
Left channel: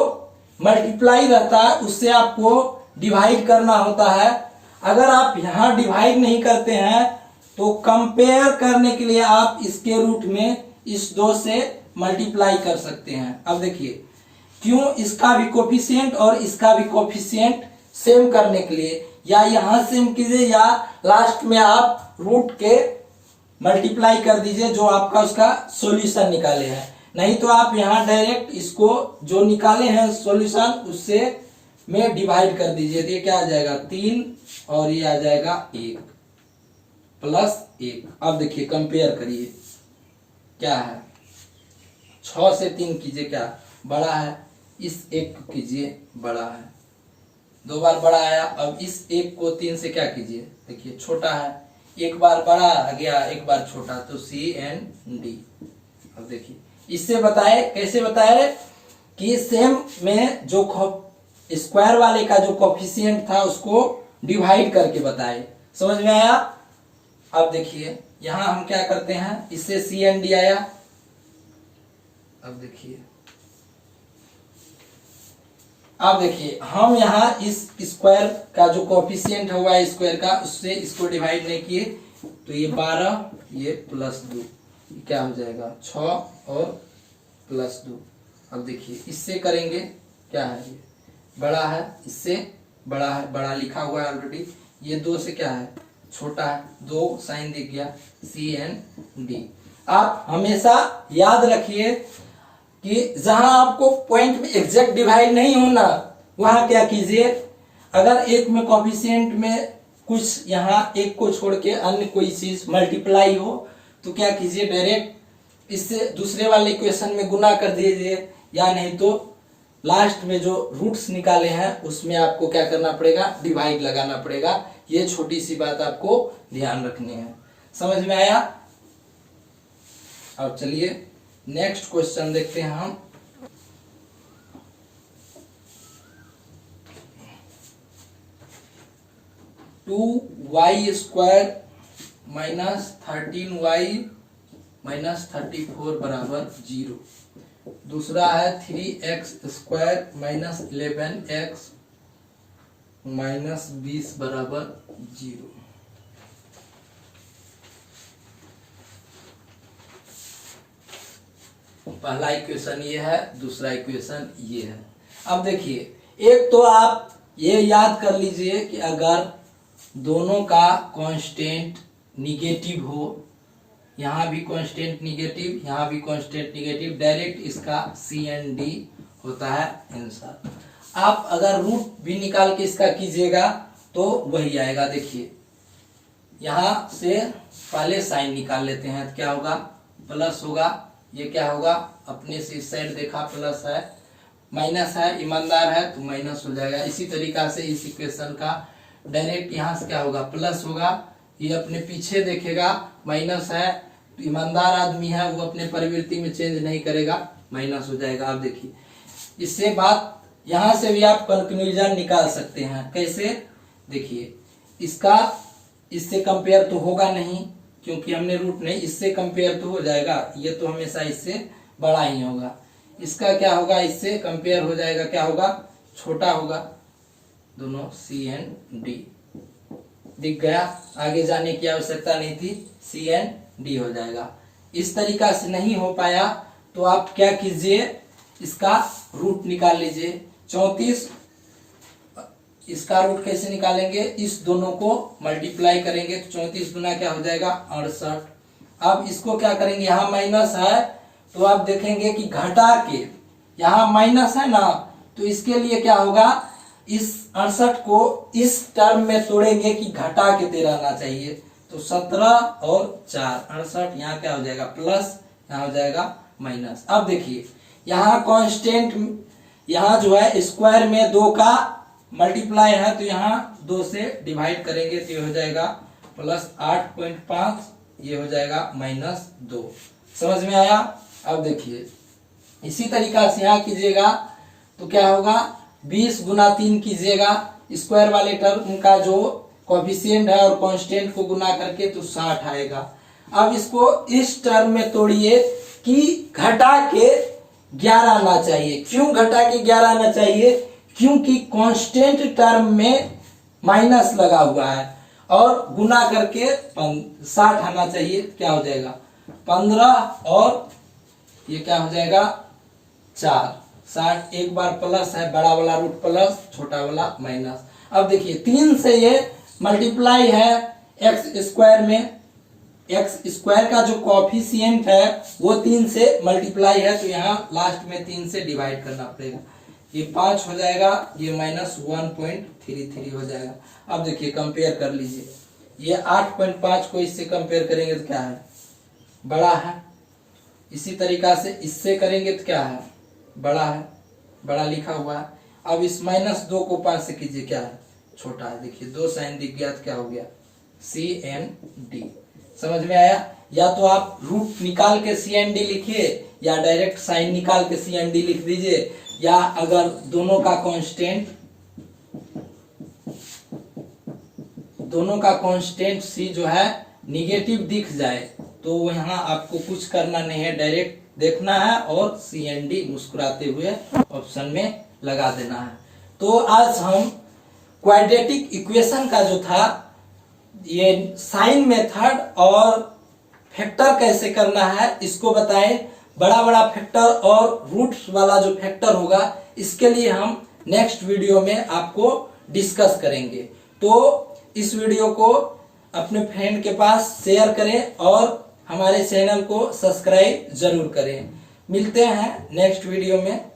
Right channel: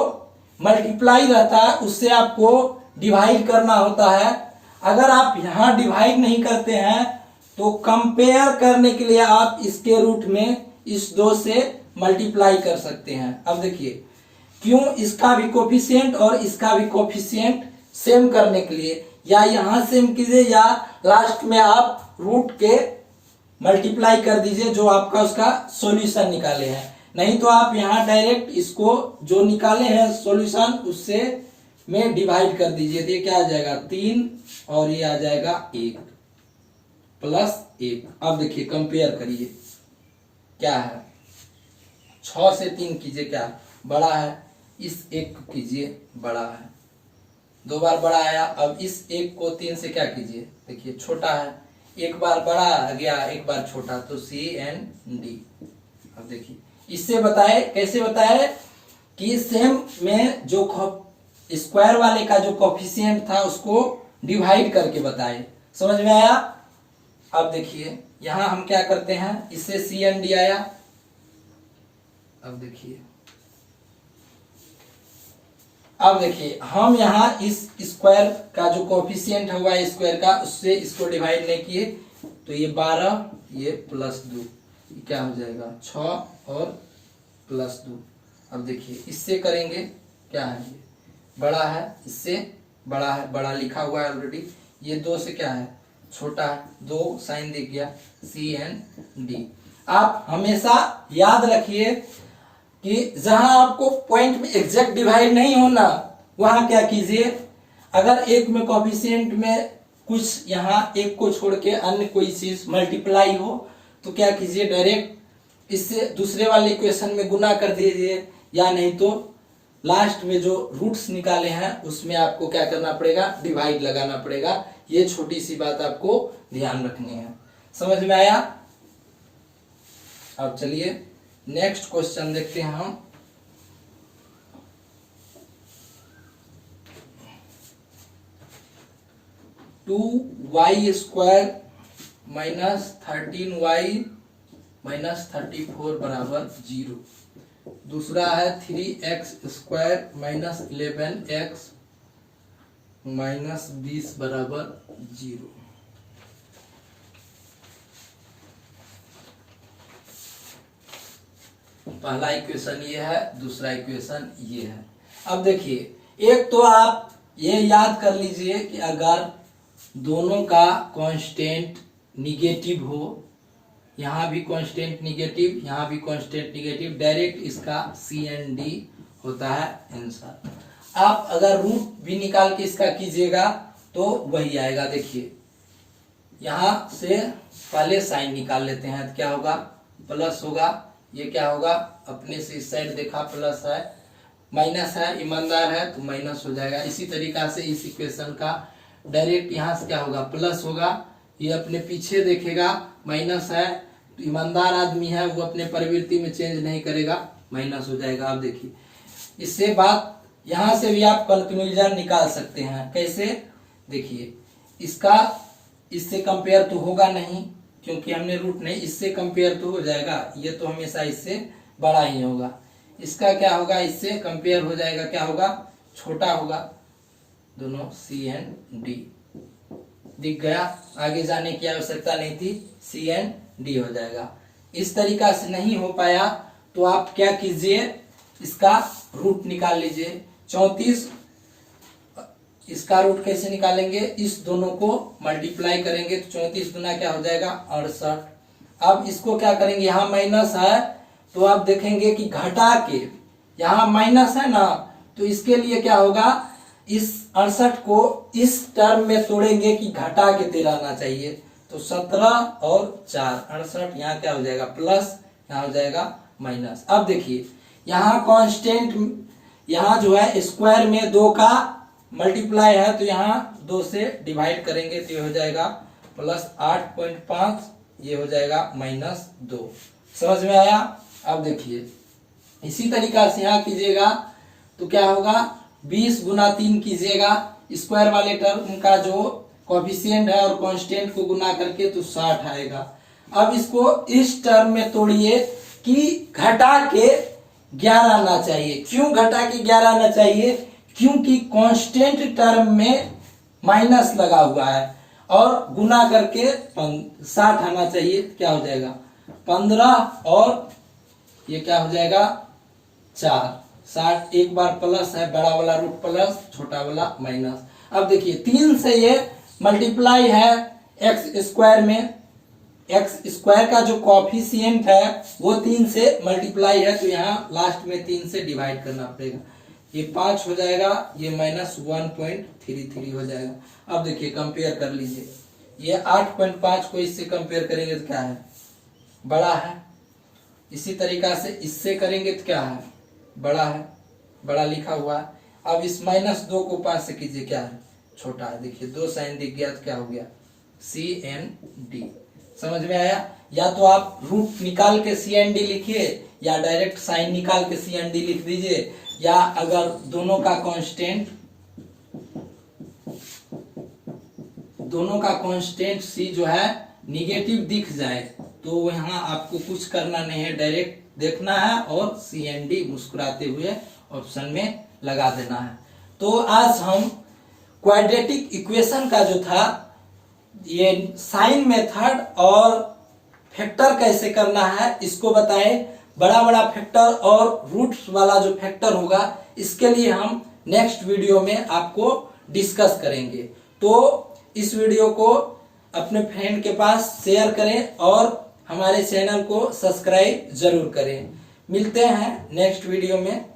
मल्टीप्लाई रहता है उससे आपको डिवाइड करना होता है। अगर आप यहाँ डिवाइड नहीं करते हैं तो कंपेयर करने के लिए आप इसके रूट में इस 2 से मल्टीप्लाई कर सकते हैं। अब देखिए क्यों, इसका भी कोफिशिएंट और इसका भी कोफिशिएंट सेम करने के लिए, या यहां सेम कीजिए या लास्ट में आप रूट के मल्टीप्लाई कर दीजिए जो आपका उसका सॉल्यूशन निकाले हैं। नहीं तो आप यहां डायरेक्ट इसको जो निकाले हैं सॉल्यूशन उससे में डिवाइड कर दीजिए। तो ये क्या आ जाएगा 3 और ये आ जाएगा 1 प्लस 1। अब देखिए कंपेयर करिए क्या है, 6 से 3 कीजिए क्या बड़ा है, इस 1 को कीजिए बड़ा है, 2 बार बड़ा आया। अब इस 1 को 3 से क्या कीजिए, देखिए छोटा है, एक बार बड़ा आ गया एक बार छोटा, तो CND। अब देखिए इससे बताए, कैसे बताए कि सेम में जो स्क्वायर वाले का जो कोफिशिएंट था उसको डिवाइड करके बताए। समझ में आया। अब देखिए यहां हम क्या करते हैं, इससे CND आया। अब देखिए हम यहाँ इस स्क्वायर का जो कोफिशिएंट हुआ स्क्वायर का उससे इसको डिवाइड नहीं किए, तो ये 12 ये प्लस 2 क्या हो जाएगा 6 और प्लस 2। अब देखिए इससे करेंगे क्या है, ये बड़ा है इससे बड़ा है, बड़ा लिखा हुआ है ऑलरेडी, ये 2 से क्या है छोटा है, 2 साइन दिख गया CND। आप हमेशा याद रखिए कि जहां आपको पॉइंट में एग्जैक्ट डिवाइड नहीं होना वहां क्या कीजिए, अगर एक में कोफिशिएंट में कुछ यहाँ एक को छोड़ के अन्य कोई चीज मल्टीप्लाई हो तो क्या कीजिए डायरेक्ट इससे दूसरे वाले इक्वेशन में गुना कर दीजिए, या नहीं तो लास्ट में जो रूट्स निकाले हैं उसमें आपको क्या करना पड़ेगा डिवाइड लगाना पड़ेगा। ये छोटी सी बात आपको ध्यान रखनी है। समझ में आया। अब चलिए नेक्स्ट क्वेश्चन देखते हैं हम। Two Y square minus 13y minus 34 बराबर 0। दूसरा है 3x square minus 11x minus 20 बराबर 0। पहला इक्वेशन ये है, दूसरा इक्वेशन ये है। अब देखिए एक तो आप ये याद कर लीजिए कि अगर दोनों का कांस्टेंट निगेटिव हो, यहाँ भी कांस्टेंट निगेटिव यहाँ भी कांस्टेंट निगेटिव, डायरेक्ट इसका CND होता है आंसर। आप अगर रूट भी निकाल के इसका कीजिएगा तो वही आएगा। देखिए यहाँ से पहले साइन निकाल लेते हैं तो क्या होगा प्लस होगा, ये क्या होगा अपने से इस साइड देखा प्लस है, माइनस है ईमानदार है तो माइनस हो जाएगा। इसी तरीका से इस इक्वेशन का डायरेक्ट यहाँ से क्या होगा प्लस होगा, ये अपने पीछे देखेगा माइनस है तो ईमानदार आदमी है वो अपने प्रवृत्ति में चेंज नहीं करेगा, माइनस हो जाएगा। आप देखिए इससे बात यहाँ से भी आप कंक्लूजन निकाल सकते हैं। कैसे, देखिए इसका इससे कंपेयर तो होगा नहीं क्योंकि हमने रूट नहीं, इससे कंपेयर तो हो जाएगा, ये तो हमेशा इससे बड़ा ही होगा। इसका क्या होगा इससे कंपेयर हो जाएगा, क्या होगा छोटा होगा, दोनों CND दिख गया। आगे जाने की आवश्यकता नहीं थी, CND हो जाएगा। इस तरीका से नहीं हो पाया तो आप क्या कीजिए इसका रूट निकाल लीजिए। 34 इसका रूट कैसे निकालेंगे, इस दोनों को मल्टीप्लाई करेंगे तो 34 गुना क्या हो जाएगा 68। अब इसको क्या करेंगे, यहाँ माइनस है तो आप देखेंगे कि घटा के, यहाँ माइनस है ना तो इसके लिए क्या होगा इस 68 को इस टर्म में तोड़ेंगे कि घटा के 13 आना चाहिए, तो 17 और 4 68, यहाँ क्या हो जाएगा प्लस, यहाँ हो जाएगा माइनस। अब देखिए यहाँ कांस्टेंट, यहाँ जो है स्क्वायर में 2 का मल्टीप्लाई है तो यहाँ 2 से डिवाइड करेंगे तो ये हो जाएगा प्लस 8.5, ये हो जाएगा माइनस 2। समझ में आया। अब देखिए इसी तरीका से यहाँ कीजिएगा तो क्या होगा 20 गुना 3 कीजिएगा, स्क्वायर वाले टर्म का जो कोफिशिएंट है और कांस्टेंट को गुना करके तो 60 आएगा। अब इसको इस टर्म में तोड़िए कि घटा के 11 आना चाहिए। क्यों घटा के 11 आना चाहिए, क्योंकि कांस्टेंट टर्म में माइनस लगा हुआ है और गुना करके 60 आना चाहिए, क्या हो जाएगा 15 और ये क्या हो जाएगा 4। 60 एक बार प्लस है, बड़ा वाला रूट प्लस, छोटा वाला माइनस। अब देखिए 3 से ये मल्टीप्लाई है एक्स स्क्वायर में, एक्स स्क्वायर का जो कॉफिशिएंट है वो 3 से मल्टीप्लाई है, तो यहाँ लास्ट में 3 से डिवाइड करना पड़ेगा। ये 5 हो जाएगा, ये माइनस 1.33 हो जाएगा। अब देखिए कंपेयर कर लीजिए, ये 8.5 को इससे कंपेयर करेंगे तो क्या है, बड़ा है। इसी तरीका से इससे करेंगे तो क्या है, बड़ा है, बड़ा लिखा हुआ है। अब इस -2 को 5 से कीजिए, क्या है, छोटा है। देखिए 2 साइन दिख गया तो क्या हो गया, CND। समझ में आया? या तो आप रूट निकाल के CND लिखिए, या डायरेक्ट साइन निकाल के CND लिख दीजिए, या अगर दोनों का कांस्टेंट C जो है निगेटिव दिख जाए तो यहाँ आपको कुछ करना नहीं है, डायरेक्ट देखना है और CND मुस्कुराते हुए ऑप्शन में लगा देना है। तो आज हम क्वाड्रेटिक इक्वेशन का जो था ये साइन मेथड और फैक्टर कैसे करना है इसको बताएं। बड़ा बड़ा फैक्टर और रूट्स वाला जो फैक्टर होगा इसके लिए हम नेक्स्ट वीडियो में आपको डिस्कस करेंगे। तो इस वीडियो को अपने फ्रेंड के पास शेयर करें और हमारे चैनल को सब्सक्राइब जरूर करें। मिलते हैं नेक्स्ट वीडियो में।